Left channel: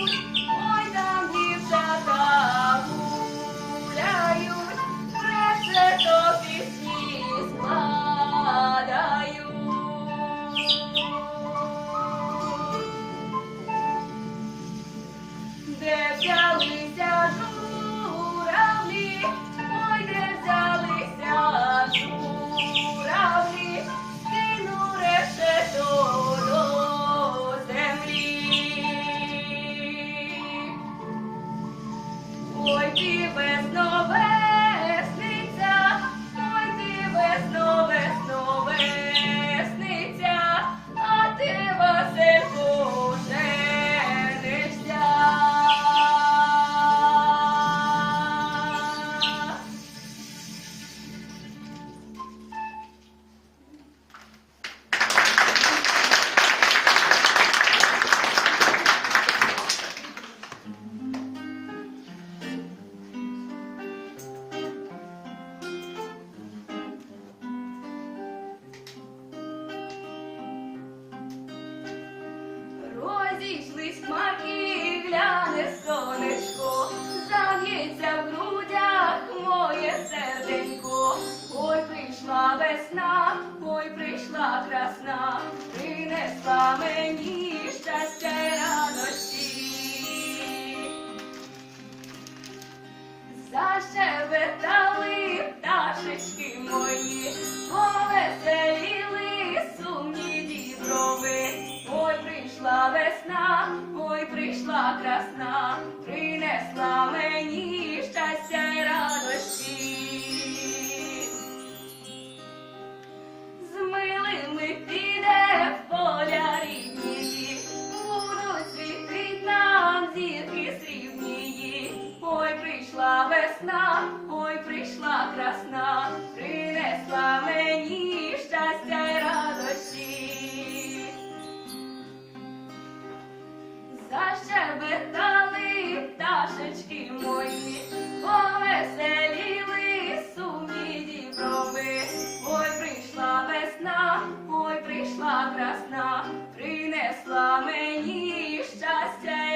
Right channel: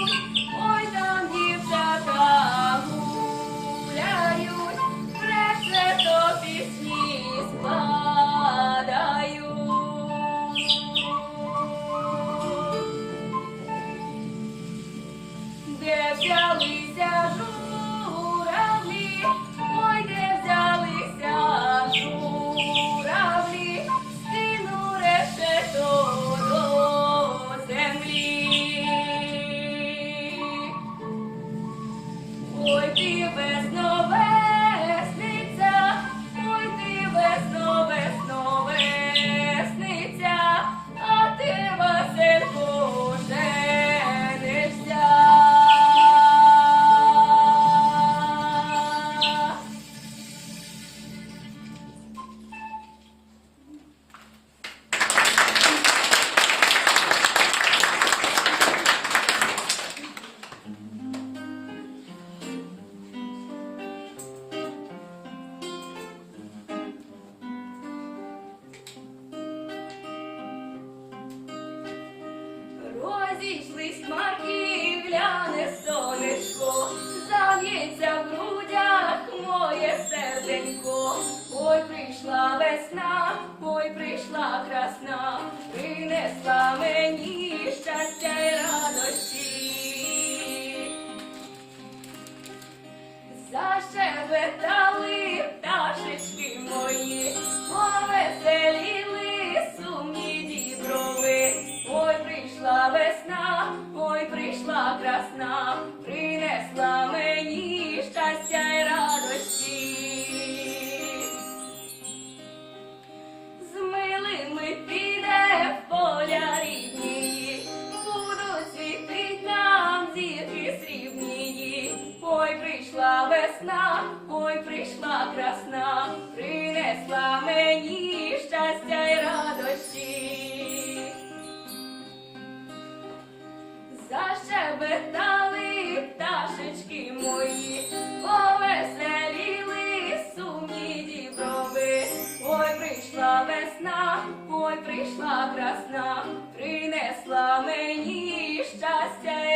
Oh. existe. Liz Monkey! весна, ой, прийшла красна, принесла мені щастя й радості. Защебетали пташечки мої, повеселіли сумні діброви. Ой, прийшла весна, ой, прийшла красна, принесла мені щастя.